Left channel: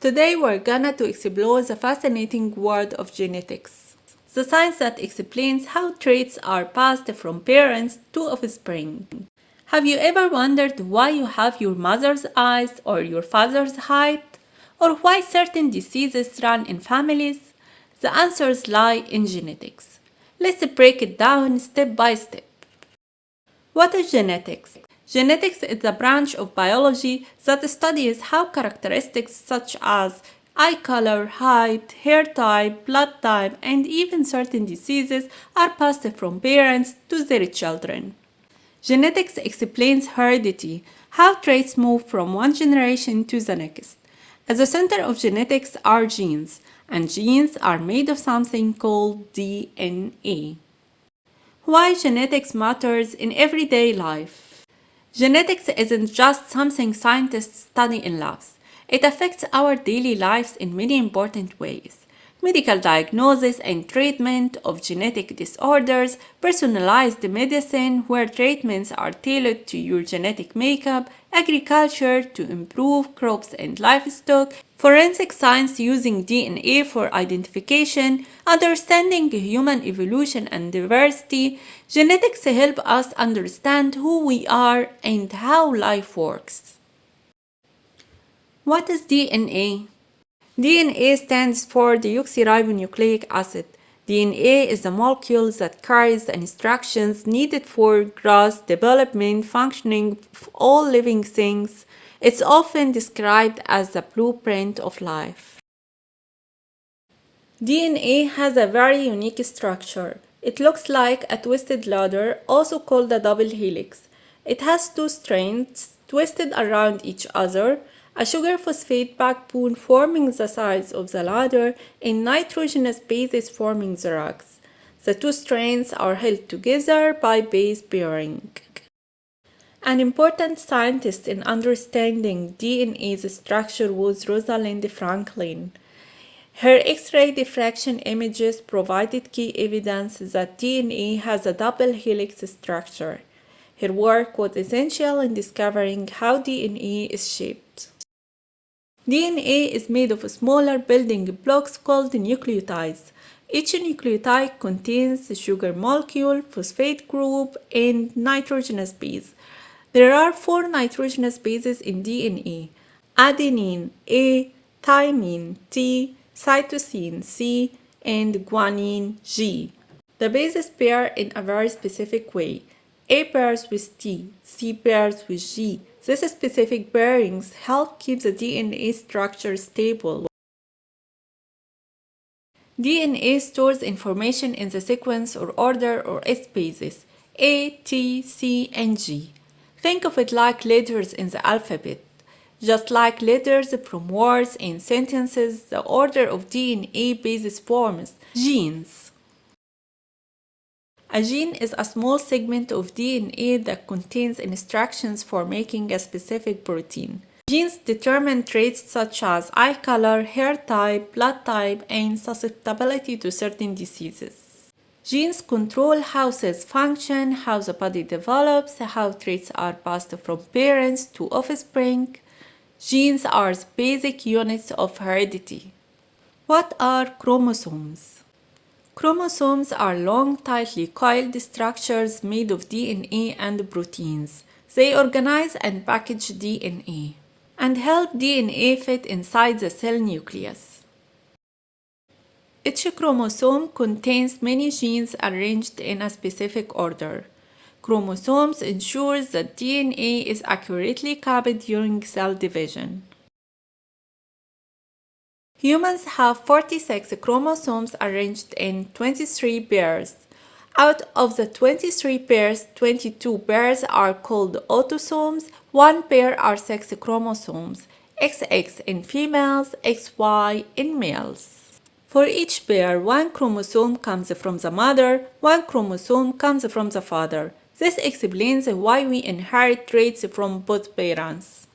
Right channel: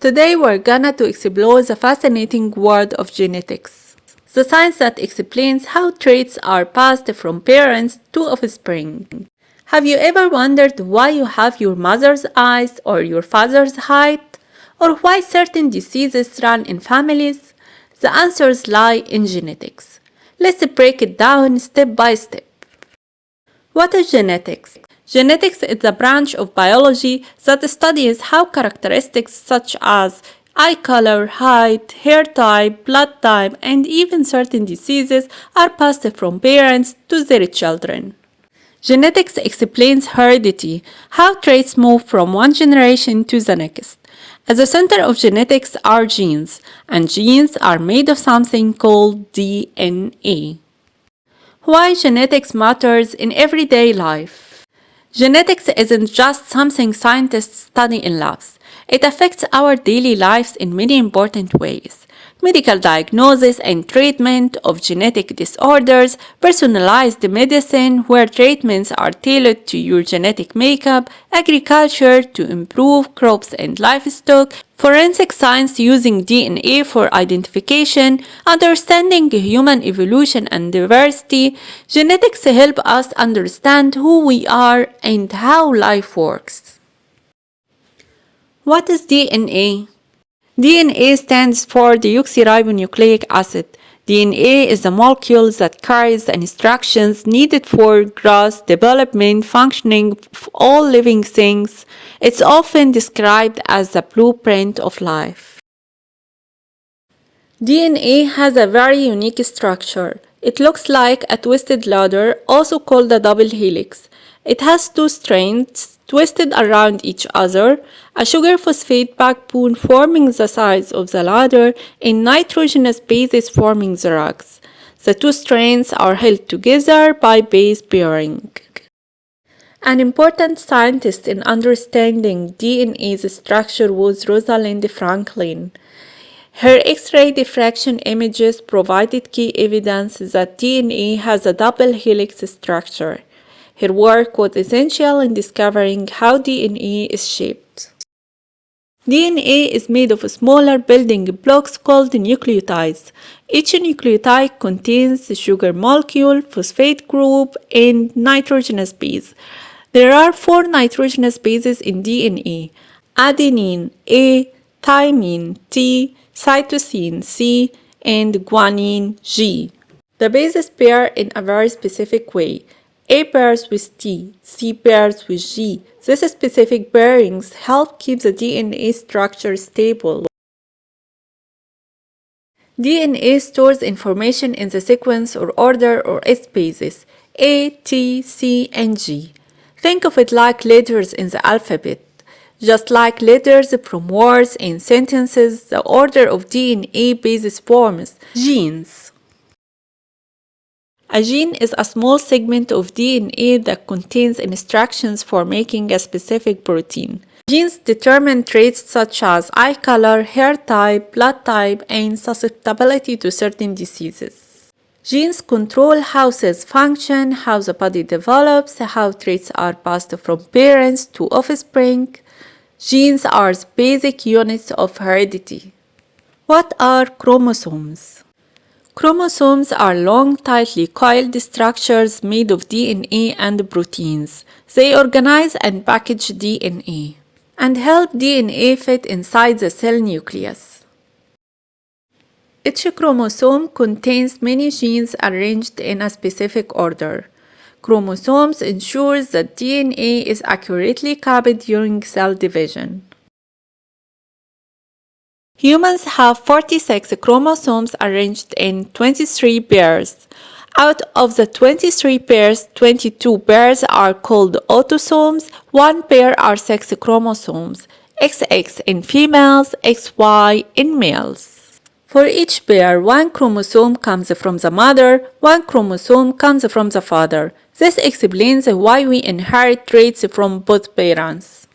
Today we're gonna to explore the fascinating world of genetics, the science that explains how traits are passed from parents to offspring. Have you ever wondered why you have your mother's eyes or your father's height, or why certain diseases run in families? The answers lie in genetics. Let's break it down step by step. What is genetics? Genetics is a branch of biology that studies how characteristics such as eye color, height, hair type, blood type, and even certain diseases are passed from parents to their children. Genetics explains heredity, how traits move from one generation to the next. At the center of genetics are genes, and genes are made of something called DNA. Why genetics matters in everyday life? Genetics isn't just something scientists study in labs. It affects our daily lives in many important ways. Medical diagnosis and treatment of genetic disorders, personalized medicine where treatments are tailored to your genetic makeup, agriculture to improve crops and livestock, forensic science using DNA for identification, understanding human evolution and diversity. Genetics help us understand who we are and how life works. What is DNA? DNA stands for deoxyribonucleic acid. DNA is a molecule that carries the instructions needed for growth, development, functioning of all living things. It's often described as the blueprint of life. DNA has a very unique structure. It looks like a twisted ladder, also called a double helix. It has two strands twisted around each other, a sugar phosphate backbone forming the sides of the ladder, and nitrogenous bases forming the rocks. The two strands are held together by base pairing. An important scientist in understanding DNA's structure was Rosalind Franklin. Her X-ray diffraction images provided key evidence that DNA has a double helix structure. Her work was essential in discovering how DNA is shaped. DNA is made of smaller building blocks called nucleotides. Each nucleotide contains the sugar molecule, phosphate group, and nitrogenous base. There are 4 nitrogenous bases in DNA: adenine A, thymine T, cytosine C, and guanine G. The bases pair in a very specific way. A pairs with T, C pairs with G. These specific pairings help keep the DNA structure stable. DNA stores information in the sequence or order or S bases: A, T, C, and G. Think of it like letters in the alphabet. Just like letters from words and sentences, the order of DNA bases forms genes. A gene is a small segment of DNA that contains instructions for making a specific protein. Genes determine traits such as eye color, hair type, blood type, and susceptibility to certain diseases. Genes control how cells function, how the body develops, how traits are passed from parents to offspring. Genes are basic units of heredity. What are chromosomes? Chromosomes are long, tightly coiled structures made of DNA and proteins. They organize and package DNA and help DNA fit inside the cell nucleus. Each chromosome contains many genes arranged in a specific order. Chromosomes ensure that DNA is accurately copied during cell division. Humans have 46 chromosomes arranged in 23 pairs. Out of the 23 pairs, 22 pairs are called autosomes. 1 pair are sex chromosomes, XX in females, XY in males. For each pair, 1 chromosome comes from the mother, 1 chromosome comes from the father. This explains why we inherit traits from both parents.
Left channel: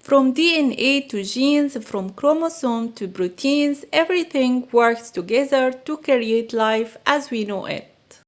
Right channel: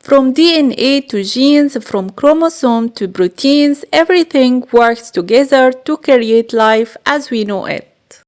From DNA to genes, from chromosome to proteins, everything works together to create life as we know it.